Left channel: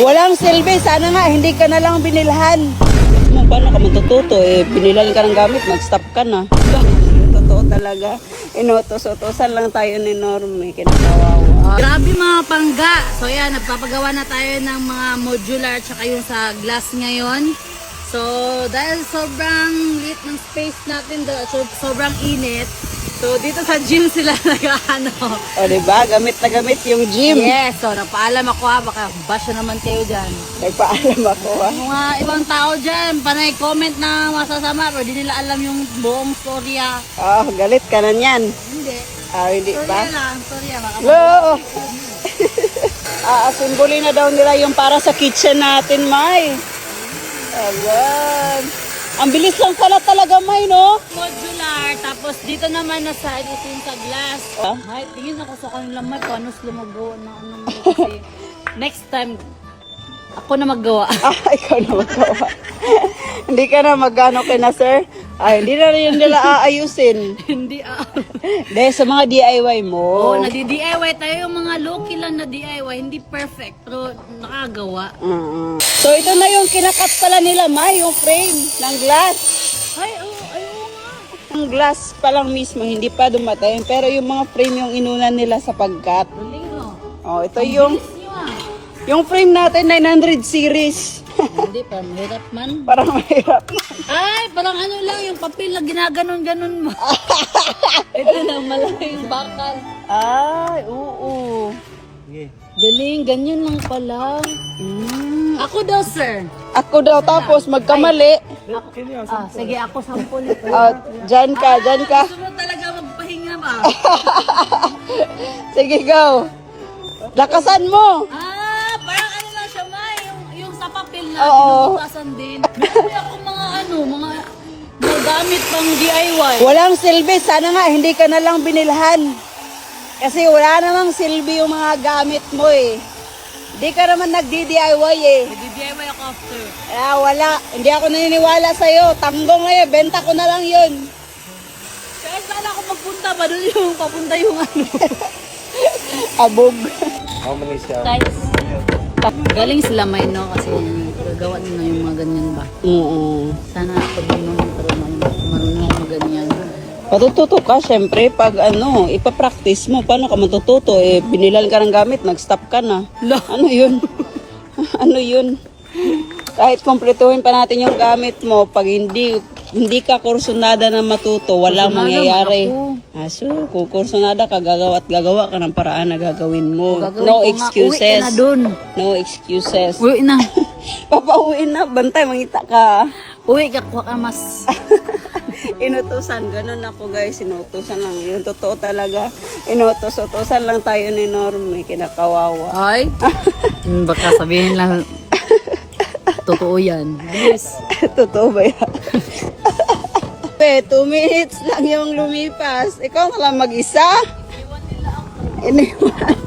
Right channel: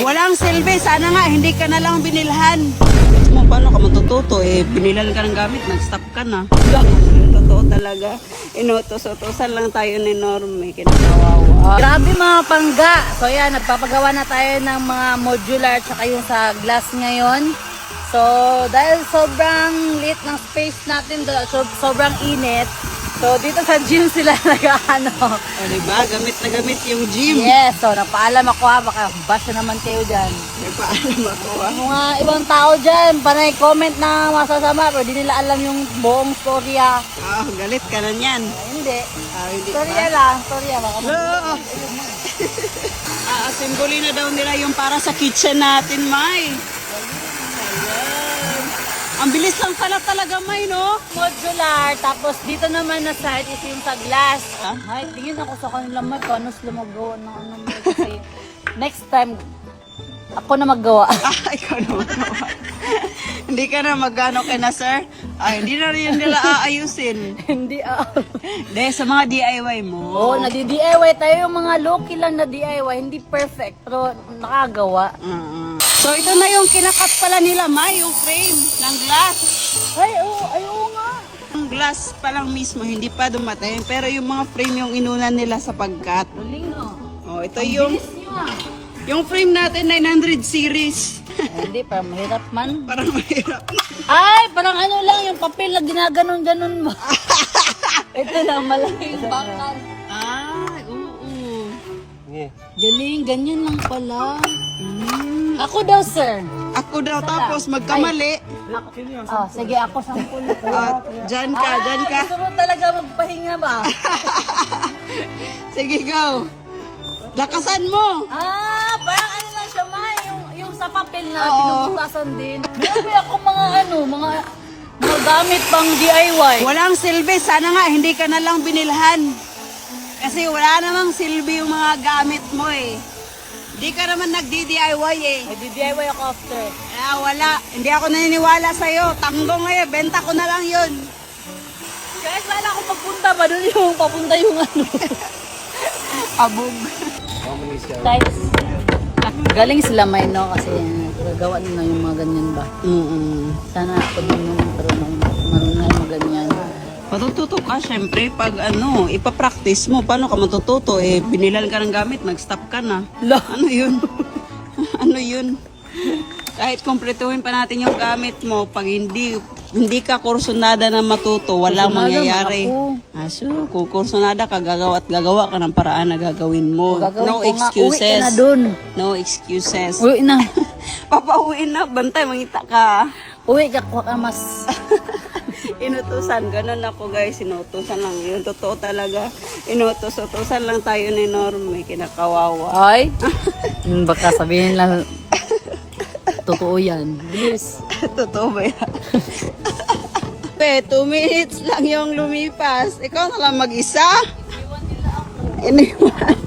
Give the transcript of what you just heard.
Walang silbi. Sana nga, hindi ka na lang binilhan. Mo, paano ka matututo? Binilan ka ng gamit, nag-stop ka na. Totoo talaga. Inutos-utosan lang tayo ni Norme. Kinakawawa. Grabe mga pangga. So yan, nagpapagawa na tayo ng mga modular tsaka yung sa glass ngayon. So dahil sobrang liit ng space natin, sobrang init. So dito sa gym sila nag-ano. O diba? Gamit na gamit yung gym. Yes, so napaalam ako ha, baka bash na naman tayo dyan. Nagpaalam ako ha. Mga ibang tao dyan, panay comment na masasama, pero di nila alam yung buong storya. Oh, galit ka na niyan. Hindi. Hindi Storya ba? lang, storya. Lo! Asimbuli na daw nila yung para sa kitchen natin, May. Ayan. Ang bilis lang pala talaga, May, no? Modular, tapos dito naman na side is yung sa glass. Huh? May tingin ako sa kanila, may paano sila maggawa ng ano mo kasi next time, ako na maggawa. Ikaw na magawa. Hindi ka na magano kina sir? Hindi na rin nila aayusin. Hindi Dahil sa mga DIY mo. Oo, nadi-DIY tayo, yung mga low-key lang na DIY, hindi perfect, pero nakagawa. So ito na yung kinakat pala nila, May, yung frame ng glass. Ay, oo nga. Yung glass pa lang mismo, hindi pa dumating. Pero yung mga frame yung inuna nila sa pagkat. Galing no. Oh, ito yung Bilis niyo ah. yung frame natin 900 series. Hindi, parang mahirap man. Parang mahirap. Ay, parang ano lang, yung papel na ginaganon-ganon mo. Ito na, malaki yung bakal. Ay, oo. Galing, ganyan lang pala. Ako daw, sir. Ako daw tapos magkamali. Sige, ako sampul. Diyan ka, diyan ka. Gusto mo talaga magpahinga ba? Sige, go. Lakasan mo. Parang ano lang siya, May. Yung sa papel na, Oo. binubutasan din. Meron ako mga mga gamit pang DIY. Walang silbi. Sana nga, hindi ka na lang binilhan. Kasi wala namang silbi yung mga gamit mo eh. Hindi ka naman nagdi-DIY eh. DIY ako after. Wala. Hindi ako naniniwala sa'yo. Tanggong ngayon, benta ko na lang yun. Kahit saan ako magpunta pa, doon yung papunta yung ano. Abog. Guys, galing sila may no kasi gagawa nila yung mga ganyan ba. Sana ako din nung marunong yung ganyan. Matututo ka, syempre, pag ipapractice mo, paano ka matututo? Binilan ka ng gamit, nag-stop ka na. Ano yun? Ano yun? Kahit kumpletuhin pa natin yung gamit mo, pag hindi ka kursunada na matuto, walang mangyayari. So, kung kursunada ka, gagawa at gagawa ka ng paraan na gagawin mo. No excuses. Uwi ka na dun. No excuses. Uwi na. Papauwi na, bantay, mangita ka. Uwi ka, kuha ka mas. Inutusan, ganun ako guys, inutusan lang. Yun, totoo talaga. Inutos-utosan lang tayo ni Norme, kinakawawa. Ay? Baka sabihin lang, totoo yan. Bilis. Totoo ba yan? 2 minutes lang yung lumipas. Ikaw na lang mag-isa? Iniwan.